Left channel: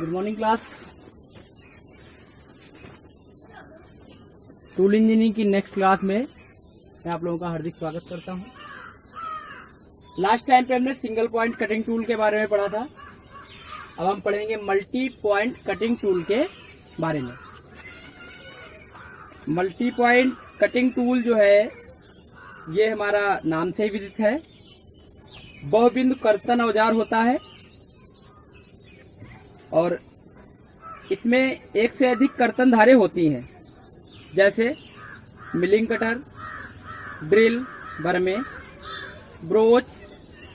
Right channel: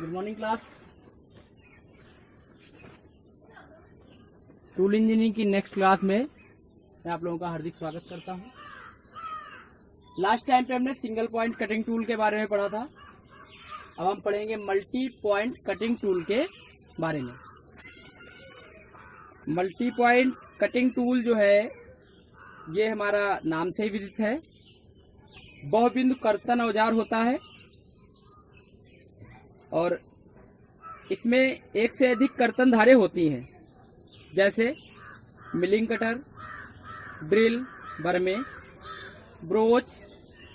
Good morning class. Tool engineering की next class में मैं आप लोगों का हार्दिक स्वागत करता हूं। लास्ट टाइम पे हमने सिंगल पॉइंट कटिंग टूल के बारे में पढ़ा था। अब हम पढ़ेंगे मल्टी पॉइंट कटिंग टूल के बारे में। मल्टी पॉइंट कटिंग टूल जो है ये हमारा नाम से ही विदित है। बहुबिंदु कर्तन औजार होता है और इसमें एक से अधिक कर्तन धारें होती हैं, जैसे मिलिंग कटर, ड्रिल, बरमे, ब्रोच,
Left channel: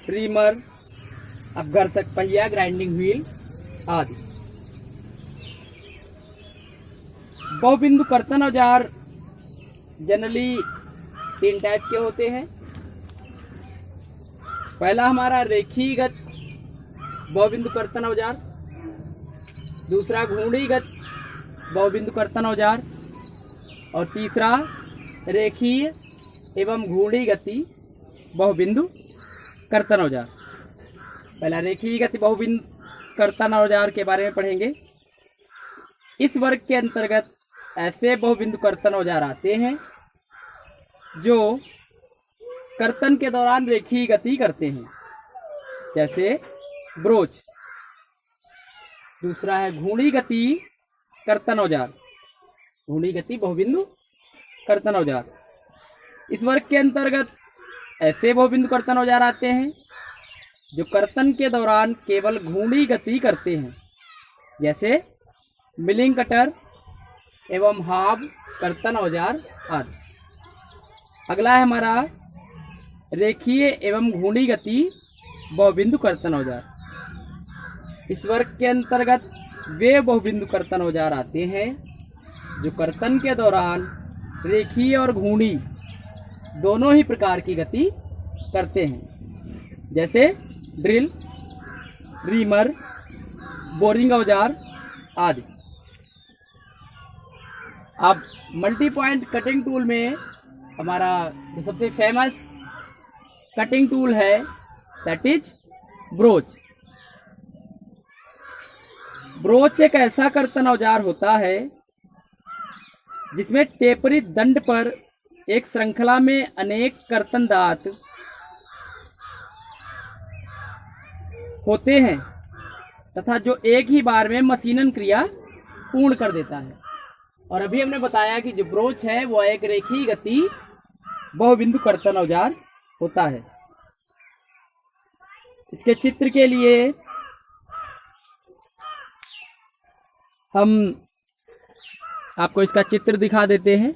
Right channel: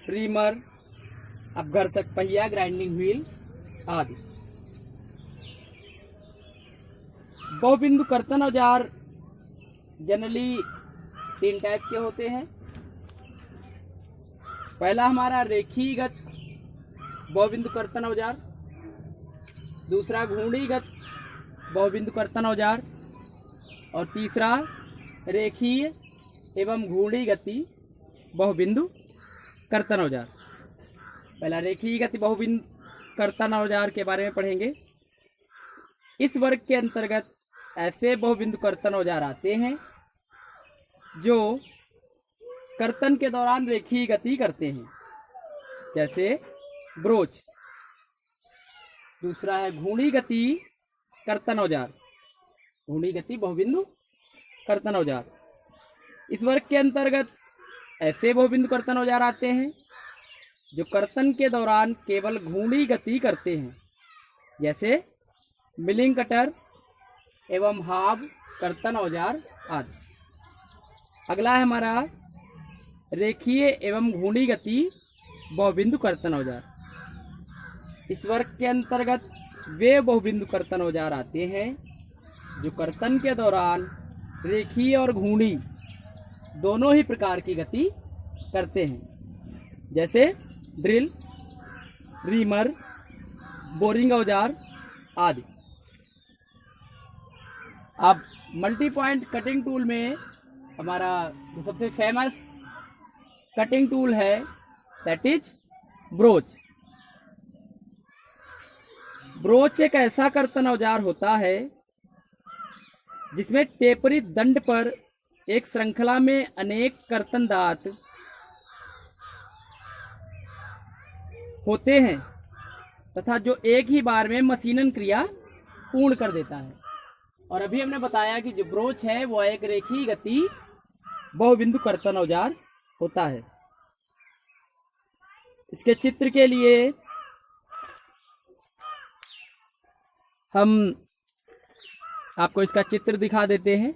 रीमर, अपघर्षक पहिया, ग्राइंडिंग व्हील आदि। बहुबिंदु कर्तन औजार जनरली 3 टाइप के होते हैं। पहला हमारा रेखीगत बहुबिंदु कर्तन औजार, दूसरा घूर्णीगत बहुबिंदु कर्तन औजार और तीसरा रेखीय एवं घूर्णी गति बहुबिंदु कर्तन औजार। पहला रेखीय गति बहुबिंदु कर्तन औजार के बारे में पढ़ेंगे। इस वर्ग के अंतर्गत ऐसे बहुबिंदु कर्तन औजार आते हैं जो कर्तन के दौरान रेखीय गति करते हैं, जैसे ब्रोच। दूसरा है घूर्णी गति कर्तन औजार, घूर्णी गति बहुबिंदु कर्तन औजार। इस वर्ग के अंतर्गत ऐसे बहुबिंदु कर्तन औजार आते हैं जो कर्तन के दौरान केवल घूर्णी गति करते हैं, जैसे मिलिंग कटर एवं हाब कर्तन औजार आदि। अगला है हमारा रेखीय एवं घूर्णी गति बहुबिंदु कर्तन औजार। इस वर्ग के अंतर्गत वे बहुबिंदु कर्तन औजार आते हैं जो कर्तन के दौरान रेखीय और घूर्णी दोनों ही प्रकार की गति करते हैं, जैसे ड्रिल, रीमर, बोरिंग औजार आदि। अब मल्टी पॉइंट कटिंग टूल में हमारा जो सबसे फेमस कटिंग टूल है दैट इज ब्रोच। ब्रोच एक ऐसा कर्तन औजार होता है जिसमें टेपरित दंड पर एक श्रृंखला में अनेक कर्तन दांत होते हैं तथा जो एक ही बार में मशीनन क्रिया पूर्ण कर देता है। और अभी हमने बताया कि जो ब्रोच है वो एक रेखीय गति बहुबिंदु कर्तन औजार होता है। इसके चित्र के लिए हम आपको इसका चित्र दिखा देते हैं।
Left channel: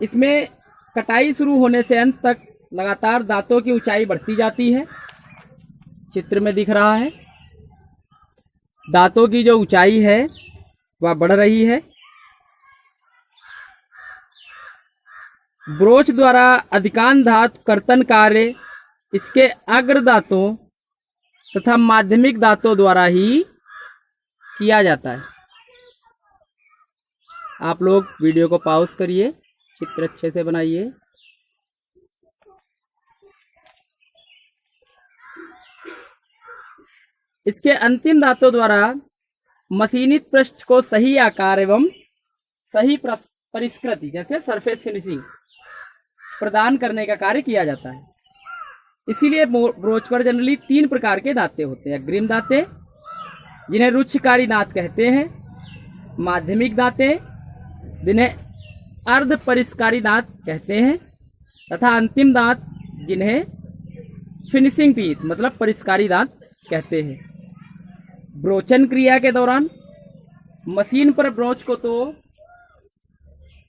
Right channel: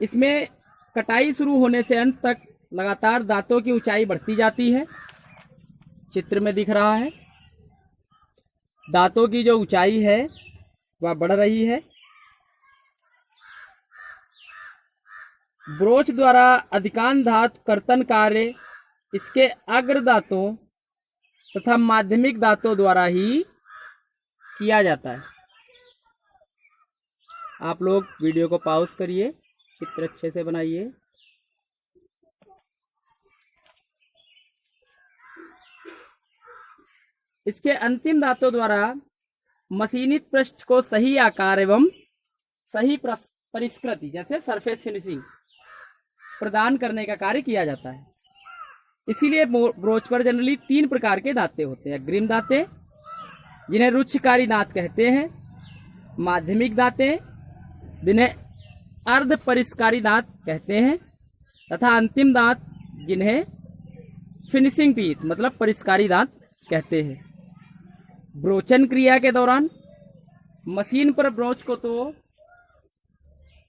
इसमें कटाई शुरू होने से अंत तक लगातार दांतों की ऊंचाई बढ़ती जाती है। चित्र में दिख रहा है दांतों की जो ऊंचाई है वह बढ़ रही है। ब्रोच द्वारा अधिकांश धातु कर्तन कार्य इसके अग्र दांतों तथा माध्यमिक दांतों द्वारा ही किया जाता है। आप लोग वीडियो को पॉज करिए, चित्र अच्छे से बनाइए। इसके अंतिम दांतों द्वारा मशीनित पृष्ठ को सही आकार एवं सही परिष्कृति जैसे सरफेस फिनिशिंग प्रदान करने का कार्य किया जाता है। इसीलिए ब्रोच पर जनरली 3 प्रकार के दांते होते हैं। अग्रिम दांते जिन्हें रुच्छकारी दांत कहते हैं, माध्यमिक दांते जिन्हें अर्ध परिष्कारी दांत कहते हैं तथा अंतिम दांत जिन्हें फिनिशिंग टीथ मतलब परिष्कारी दांत कहते हैं। ब्रोचन क्रिया के दौरान मशीन पर ब्रोच को तो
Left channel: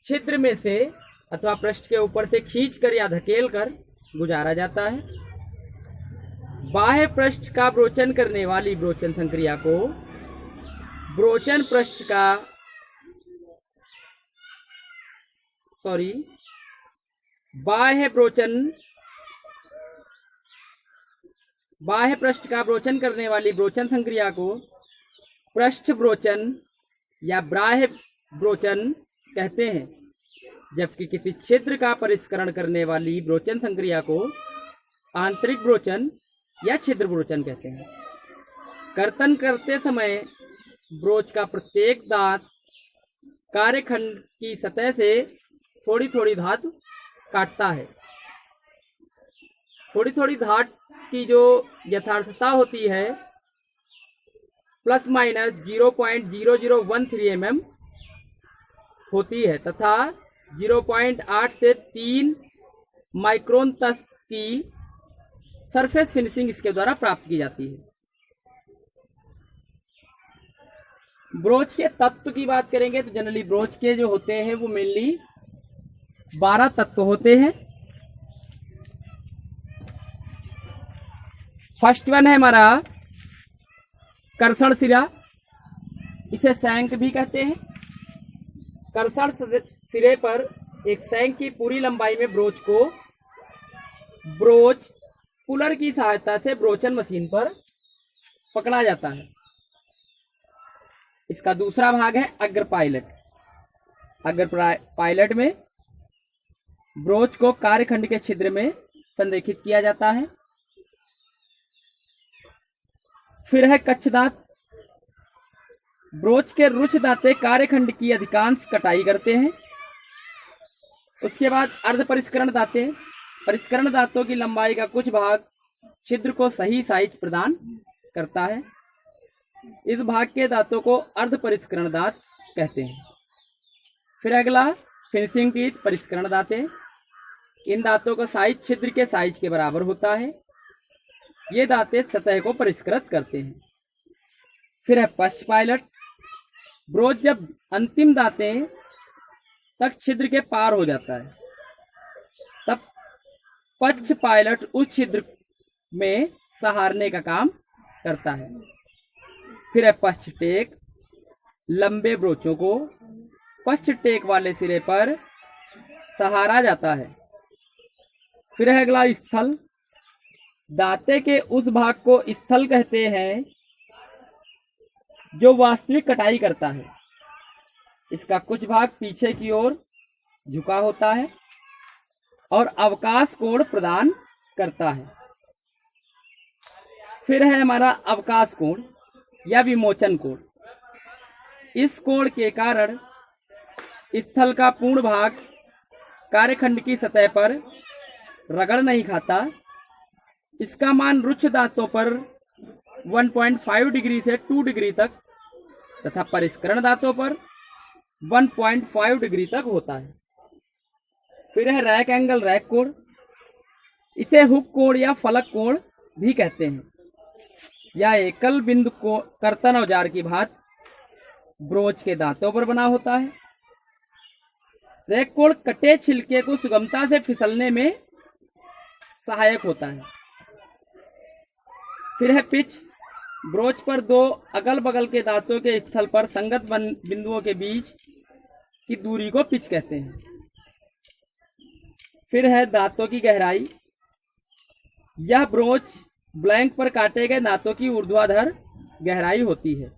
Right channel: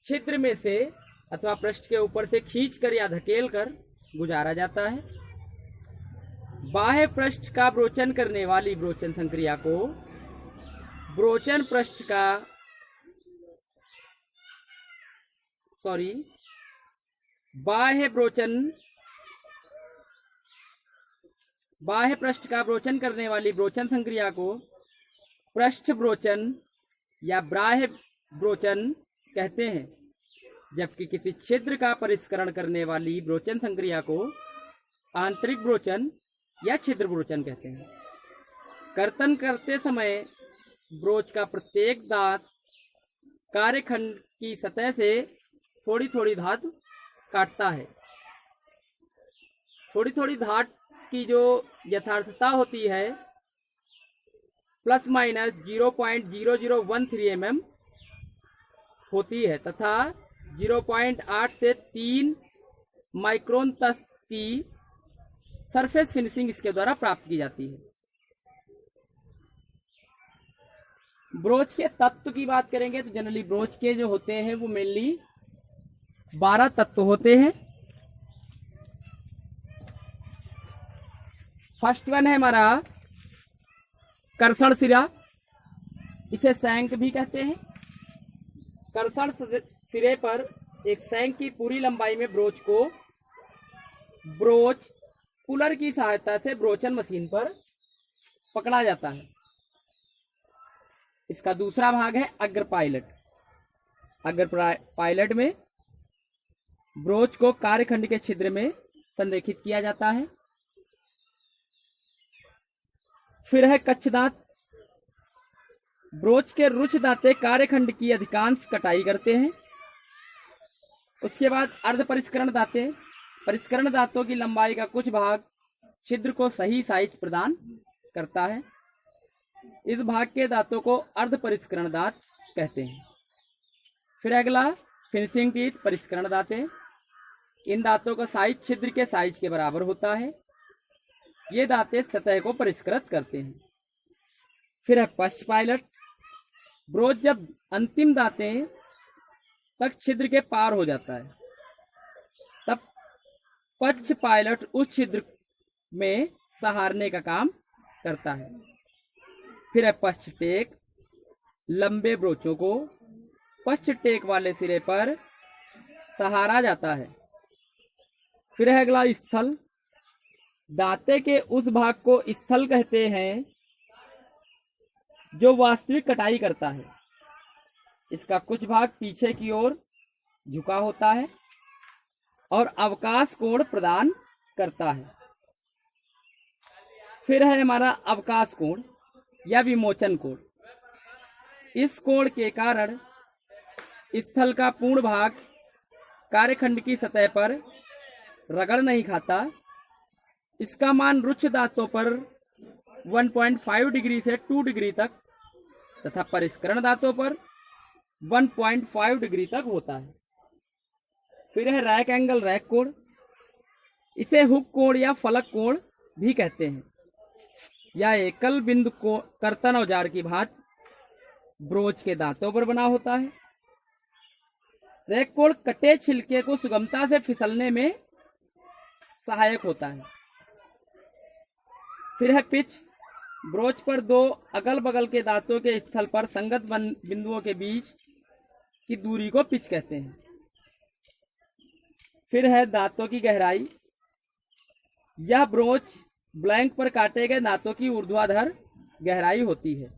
छिद्र में से अथवा पृष्ठ के ऊपर से खींचकर या धकेलकर गुजारा जाता है। बाह्य पृष्ठ का ब्रोचन करने वाली ब्रोचन संक्रिया को ब्रोचन पृष्ठ का बाह्य पृष्ठ का ब्रोचन करने वाली ब्रोचन संक्रिया को पृष्ठ ब्रोचन या बाह्य ब्रोचन कहते हैं, जबकि किसी छिद्र का परिष्करण करने वाली ब्रोचन संक्रिया को आंतरिक ब्रोचन या छिद्र ब्रोचन कहते हैं। कर्तन करते समय ब्रोच का प्रत्येक दांत कार्यखंड की सतह से थोड़ी थोड़ी धात काटता है। थोड़ी थोड़ी धात की जो यथार्थता होती है प्लस माइनस 0.0013 mm होती है तथा 0.8 से 3 माइक्रोन तक की सरफेस फिनिशिंग इसके द्वारा प्राप्त की जाती है। ब्रोच के तत्व की बात करेंगे तो जनरली ब्रोच के जो होते हैं वो मेनली 12 तत्व होते हैं। फर्स्ट वन है हमारा कर्षण सिरा, इसे शंख भी कहते हैं। कर्षण सिरे पर एक शंख की पूरी लंबाई में ब्रोच को ब्रोच पुलर की सहायता से ब्रोचन मशीन पर पकड़ा जाता है। इसका दूसरा भाग है अग्र पायलट। अग्र पायलट में ब्रोच को कार्यखंड के छिद्र में संरेखित किया जाता है। फिर है कच्छदांत। ब्रोच के रुक्ष दांते कार्यखंड की अधिकांश कटाई करते हैं। उसके बाद अर्ध परिष्करण दांते। परिष्करण दांतों की लंबाई का कुछ भाग छिद्र को सही साइज प्रदान करता है। इस भाग के दांतों को अर्ध परिष्करण दांत कहते हैं। फिर अगला फिनिशिंग टीथ परिष्करण दांते। इन दांतों का साइज छिद्र के साइज के बराबर होता है। ये दांते सतह को परिष्कृत करते हैं। फिर है पश्च पायलट। ब्रोच जब अंतिम दांते तक छिद्र के पार हो जाता है तब पश्च पायलट उस छिद्र में सहारने का काम करता है। फिर है पश्च टेक। लंबे ब्रोचों को पश्च टेक वाले सिरे पर सहारा जाता है। फिर है अगला स्थल। दांते के उस भाग को स्थल कहते हैं जो वास्तविक कटाई करता है। इसका कुछ भाग पीछे की ओर झुका होता है और अवकाश कोण प्रदान करता है। फिर है हमारा अवकाश कोण या विमोचन कोण। इस कोण के कारण स्थल का पूर्ण भाग कार्यखंड की सतह पर रगड़ नहीं खाता। इसका मान रुक्ष दांतों पर 1.5 डिग्री से 2 डिग्री तक तथा परिष्करण दांतों पर 1.5 डिग्री तक होता है। फिर है रैक एंगल रैक कोण। इसे हुक कोण या फलक कोण भी कहते हैं। यह एकल बिंदु को कर्तन औजार की भांति ब्रोच के दांतों पर बना होता है। रैक कोण कटे छिलके को सुगमता से फिसलने में सहायक होता है। फिर है पिच। ब्रोच पर दो अगल बगल के दांतों के स्थल पर संगत बिंदुओं के बीच की दूरी को पिच कहते हैं। फिर है दांतों की गहराई। यह ब्रोच ब्लैंक पर काटे गए दांतों की ऊर्ध्वाधर गहराई होती है।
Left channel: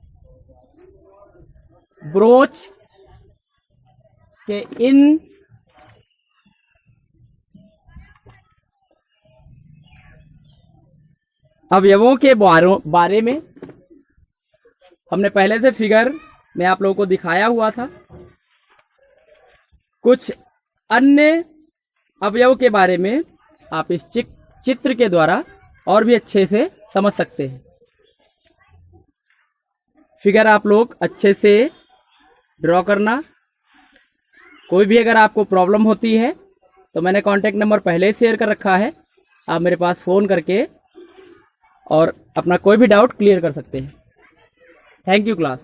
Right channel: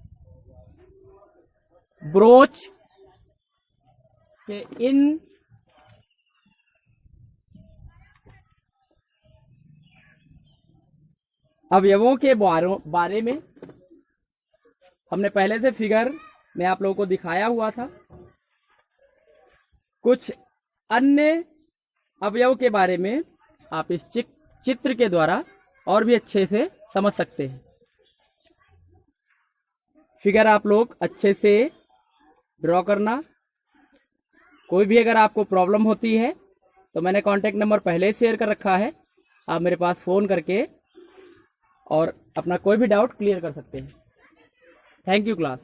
ब्रोच के इन अवयवों के बारे में हमने पहले से फिगर में आप लोगों को दिखाया हुआ था। कुछ अन्य अवयव के बारे में आप इस चित्र के द्वारा और भी अच्छे से समझ सकते हैं। फिगर आप लोग अच्छे से ड्रॉ करना। कोई भी अगर आपको प्रॉब्लम होती है तो मैंने कॉन्टैक्ट नंबर पहले ही शेयर कर रखा है। आप मेरे पास फ़ोन करके और अपना कोई भी डाउट क्लियर कर सकते हैं। Thank you class.